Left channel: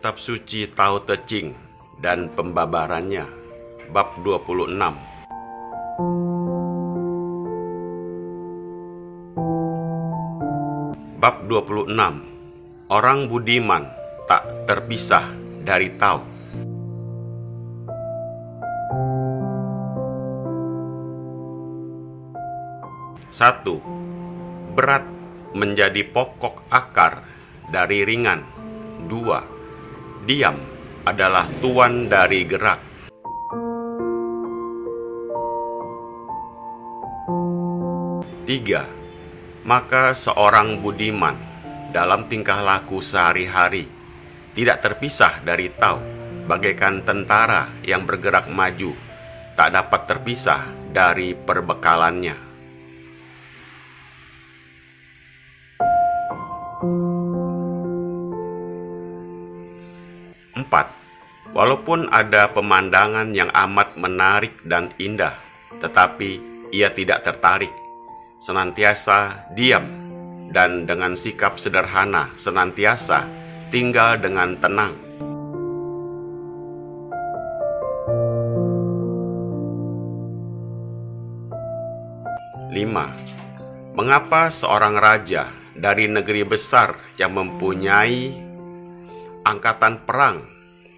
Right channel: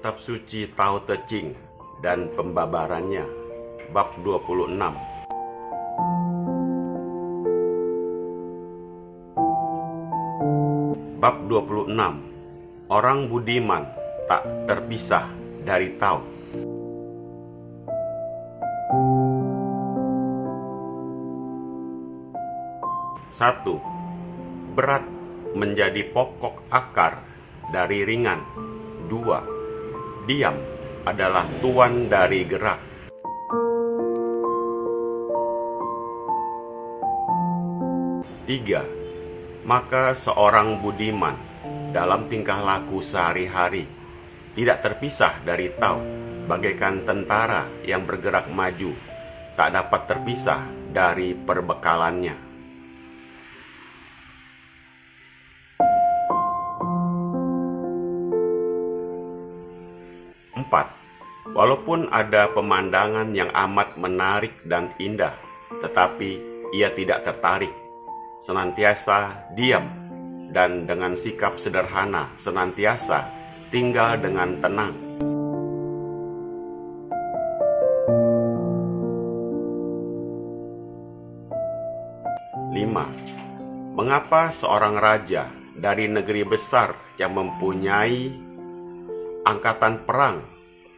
Kitab Suci Tao Te Ching dan Pembabarannya, Bab 26. Bab 26. Orang budiman tak terpisah dari Tao. 1. Berat menjadi pokok akar dari ringan. 2. Diam adalah tuan dari gerak. 3. Maka seorang budiman dalam tingkah laku sehari-hari tidak terpisah dari Tao, bagaikan tentara yang bergerak maju tak dapat terpisah dari perbekalannya. 4. Walaupun ada pemandangan yang amat menarik dan indah, tetapi ia tidak tertarik, senantiasa diam, dan dengan sikap sederhana senantiasa tinggal dengan tenang. 5. Mengapa seorang raja dari negeri besar yang mempunyai angkatan perang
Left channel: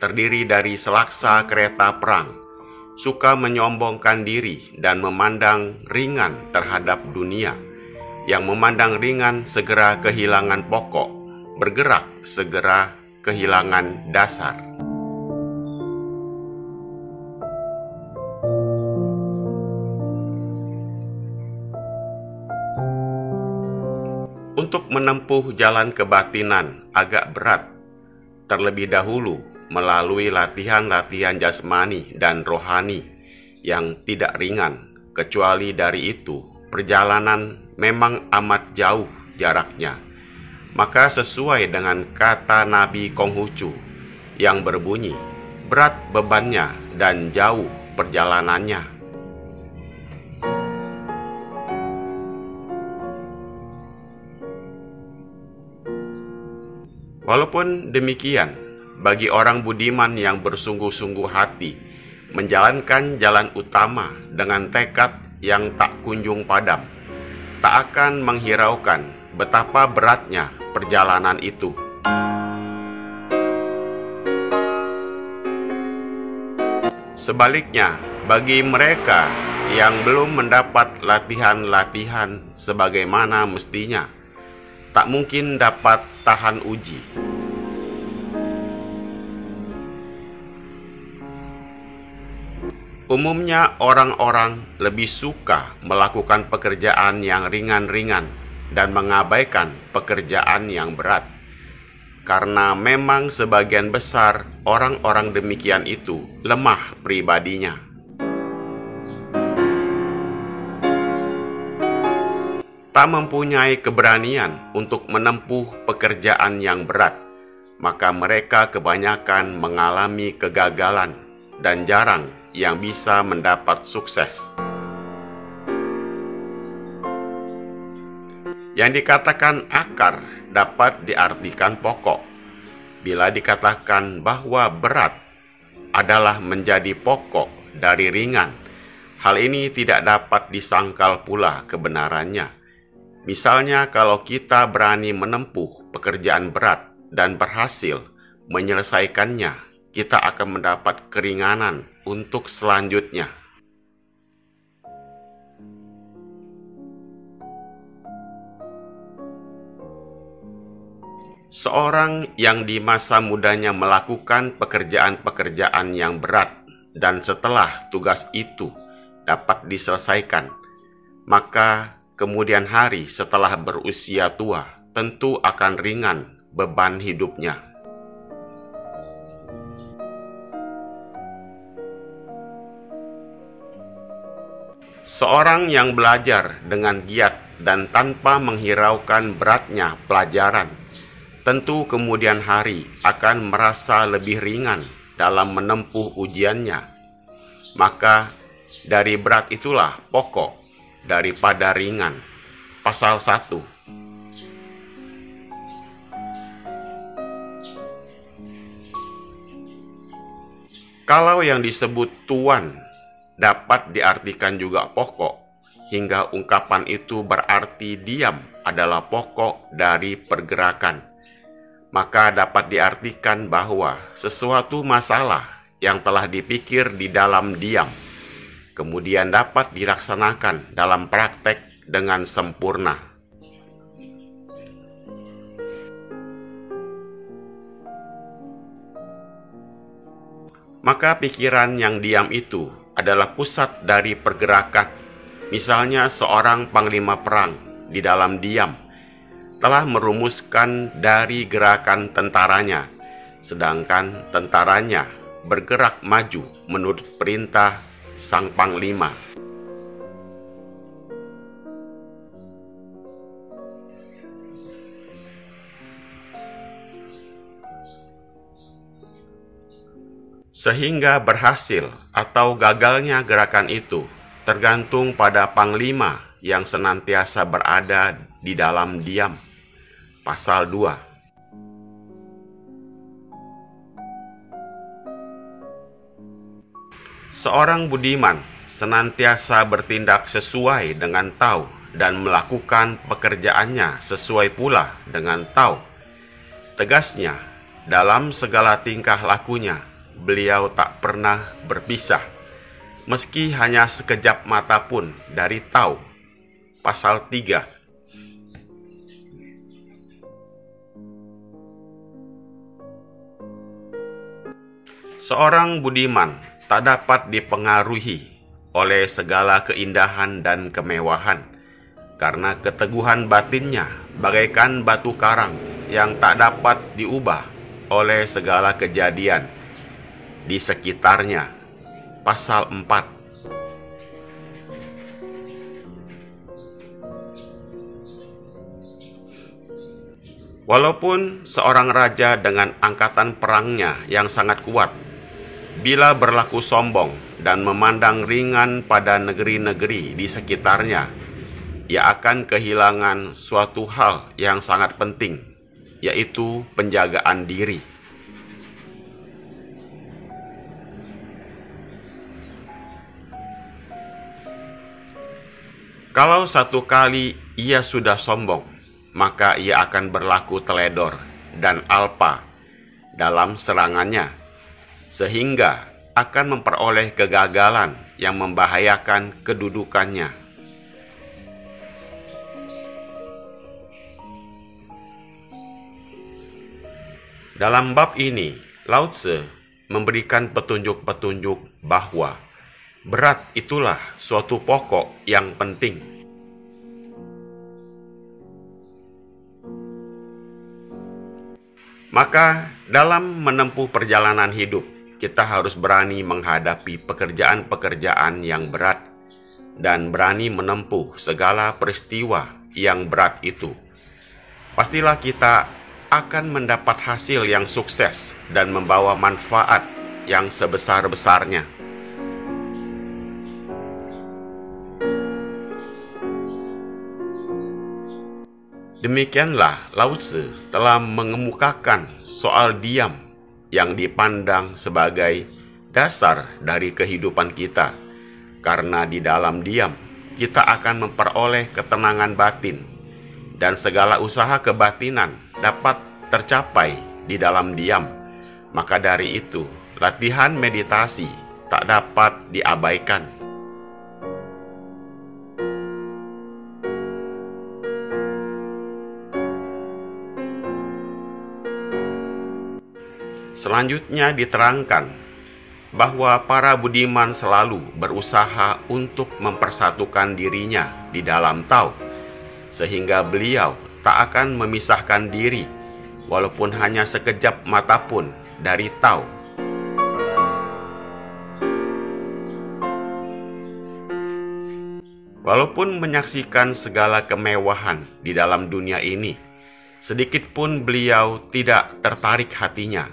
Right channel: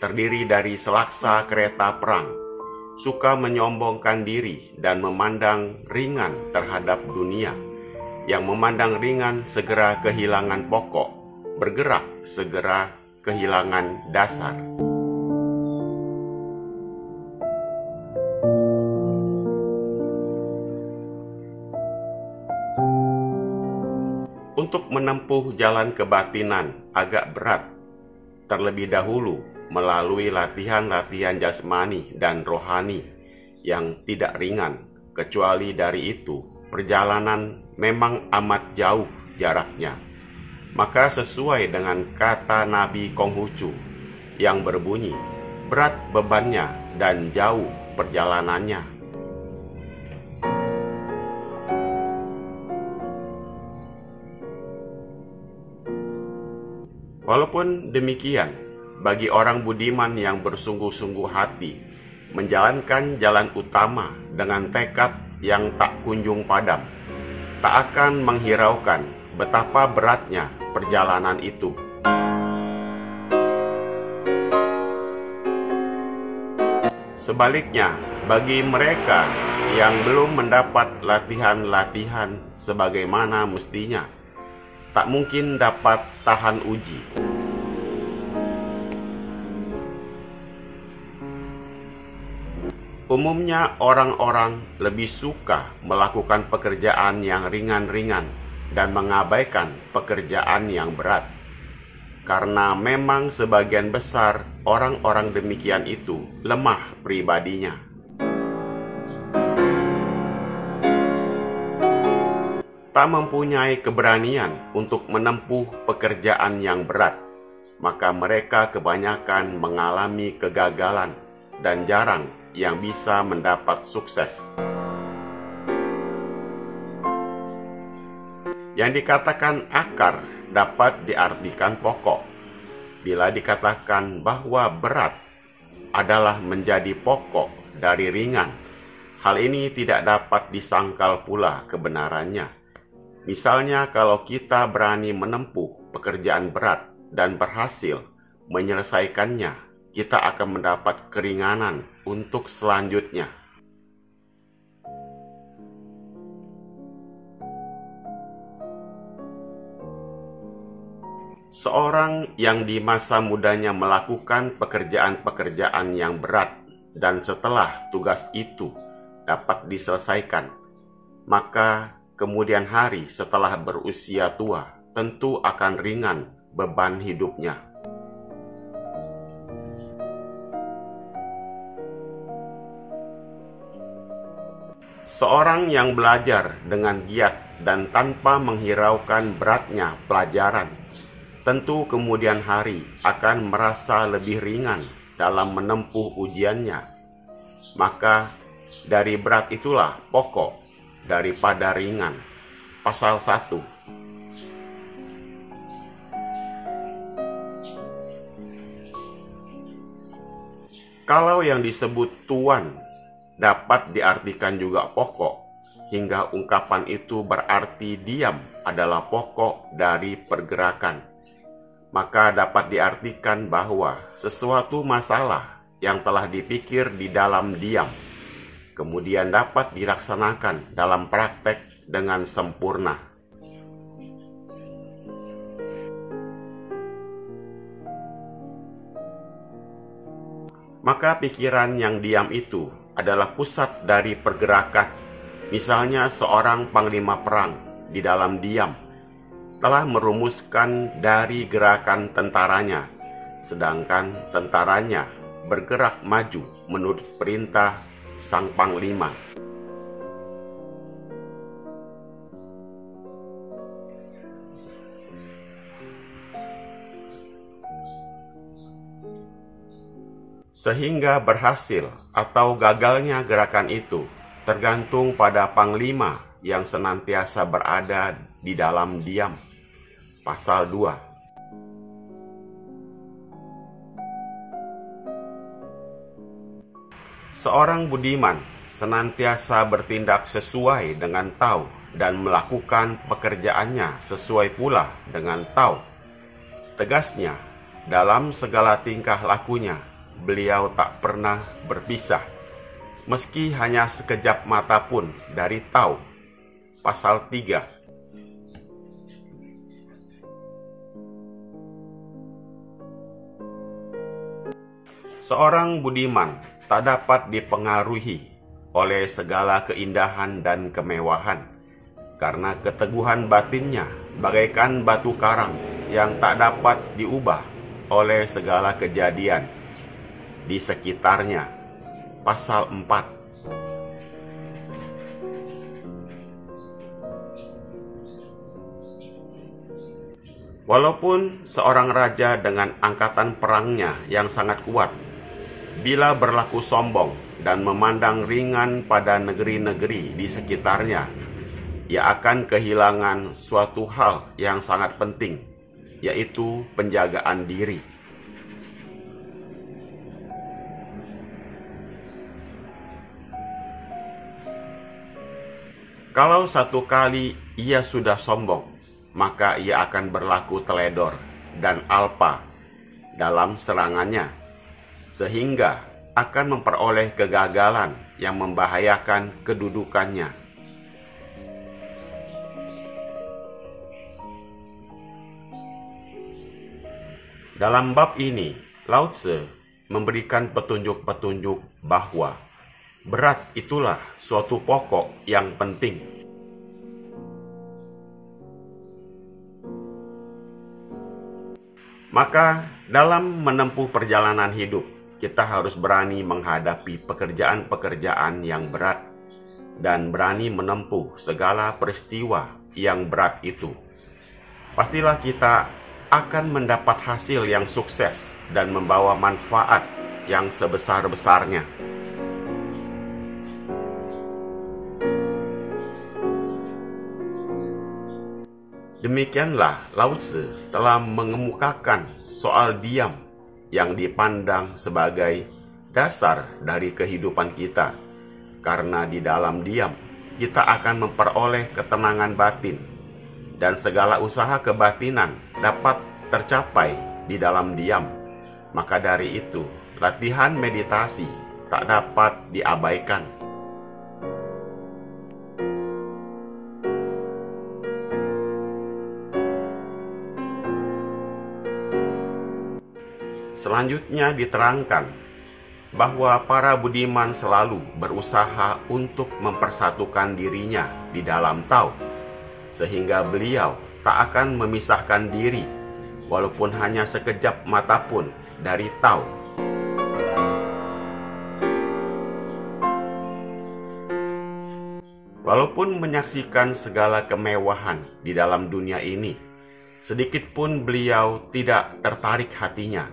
terdiri dari selaksa kereta perang suka menyombongkan diri dan memandang ringan terhadap dunia? Yang memandang ringan segera kehilangan pokok, bergerak segera kehilangan dasar. Untuk menempuh jalan kebatinan agak berat, terlebih dahulu melalui latihan-latihan jasmani dan rohani yang tidak ringan. Kecuali dari itu, perjalanan memang amat jauh jaraknya. Maka sesuai dengan kata Nabi Konghucu yang berbunyi, berat bebannya dan jauh perjalanannya. Walaupun demikian, bagi orang budiman yang bersungguh-sungguh hati menjalankan jalan utama dengan tekad yang tak kunjung padam, tak akan menghiraukan betapa beratnya perjalanan itu. Sebaliknya, bagi mereka yang belum mendapat latihan-latihan sebagaimana mestinya, tak mungkin dapat tahan uji. Umumnya orang-orang lebih suka melakukan pekerjaan yang ringan-ringan dan mengabaikan pekerjaan yang berat, karena memang sebagian besar orang-orang demikian itu lemah pribadinya. Tak mempunyai keberanian untuk menempuh pekerjaan yang berat, maka mereka kebanyakan mengalami kegagalan dan jarang yang bisa mendapat sukses. Yang dikatakan akar dapat diartikan pokok. Bila dikatakan bahwa berat adalah menjadi pokok dari ringan, hal ini tidak dapat disangkal pula kebenarannya. Misalnya, kalau kita berani menempuh pekerjaan berat dan berhasil menyelesaikannya, kita akan mendapat keringanan untuk selanjutnya. Seorang yang di masa mudanya melakukan pekerjaan-pekerjaan yang berat dan setelah tugas itu dapat diselesaikan, maka kemudian hari setelah berusia tua tentu akan ringan beban hidupnya. Seorang yang belajar dengan giat dan tanpa menghiraukan beratnya pelajaran, tentu kemudian hari akan merasa lebih ringan dalam menempuh ujiannya. Maka dari berat itulah pokok daripada ringan. Pasal 1. Kalau yang disebut tuan dapat diartikan juga pokok, hingga ungkapan itu berarti diam adalah pokok dari pergerakan, maka dapat diartikan bahwa sesuatu masalah yang telah dipikir di dalam diam, kemudian dapat dilaksanakan dalam praktek dengan sempurna. Maka pikiran yang diam itu adalah pusat dari pergerakan. Misalnya seorang panglima perang di dalam diam telah merumuskan dari gerakan tentaranya, sedangkan tentaranya bergerak maju menurut perintah sang panglima. Sehingga berhasil atau gagalnya gerakan itu tergantung pada panglima yang senantiasa berada di dalam diam. Pasal 2. Seorang budiman senantiasa bertindak sesuai dengan tau dan melakukan pekerjaannya sesuai pula dengan tau. Tegasnya, dalam segala tingkah lakunya, beliau tak pernah berpisah, meski hanya sekejap mata pun dari tau. Pasal 3. Seorang budiman tak dapat dipengaruhi oleh segala keindahan dan kemewahan, karena keteguhan batinnya bagaikan batu karang yang tak dapat diubah oleh segala kejadian di sekitarnya. Pasal 4. Walaupun seorang raja dengan angkatan perangnya yang sangat kuat, bila berlaku sombong dan memandang ringan pada negeri-negeri di sekitarnya, ia akan kehilangan suatu hal yang sangat penting, yaitu penjagaan diri. Kalau satu kali ia sudah sombong, maka ia akan berlaku teledor dan alpa dalam serangannya, sehingga akan memperoleh kegagalan yang membahayakan kedudukannya. Dalam bab ini, Lao Tse memberikan petunjuk-petunjuk bahwa berat itulah suatu pokok yang penting. Maka dalam menempuh perjalanan hidup, kita harus berani menghadapi pekerjaan-pekerjaan yang berat dan berani menempuh segala peristiwa yang berat itu. Pastilah kita akan mendapat hasil yang sukses dan membawa manfaat yang sebesar-besarnya. Demikianlah Lao Tse telah mengemukakan soal diam yang dipandang sebagai dasar dari kehidupan kita, karena di dalam diam kita akan memperoleh ketenangan batin, dan segala usaha kebatinan dapat tercapai di dalam diam. Maka dari itu, latihan meditasi tak dapat diabaikan. Selanjutnya diterangkan bahwa para budiman selalu berusaha untuk mempersatukan dirinya di dalam tau, sehingga beliau tak akan memisahkan diri walaupun hanya sekejap mata pun dari tau. Walaupun menyaksikan segala kemewahan di dalam dunia ini, sedikit pun beliau tidak tertarik hatinya,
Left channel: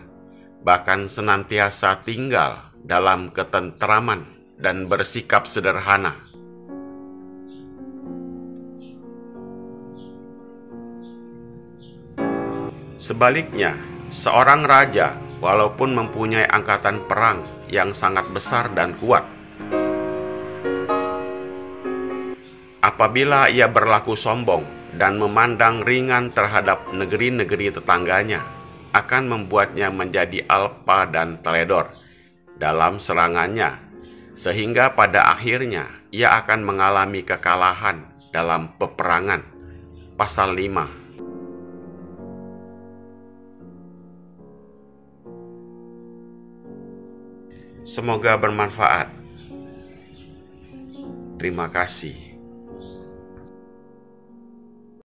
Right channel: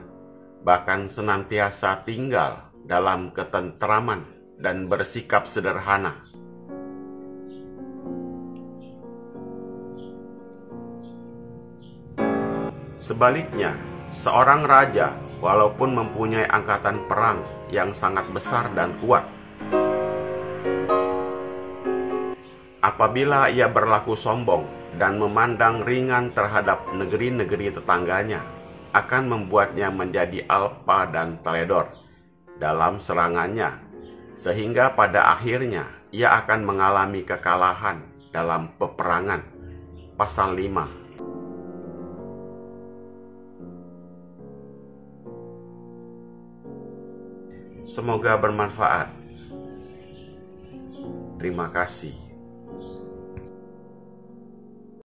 bahkan senantiasa tinggal dalam ketentraman dan bersikap sederhana. Sebaliknya, seorang raja walaupun mempunyai angkatan perang yang sangat besar dan kuat. Apabila ia berlaku sombong dan memandang ringan terhadap negeri-negeri tetangganya, akan membuatnya menjadi alpa dan teledor dalam serangannya, sehingga pada akhirnya ia akan mengalami kekalahan dalam peperangan. Pasal 5. Semoga bermanfaat. Terima kasih.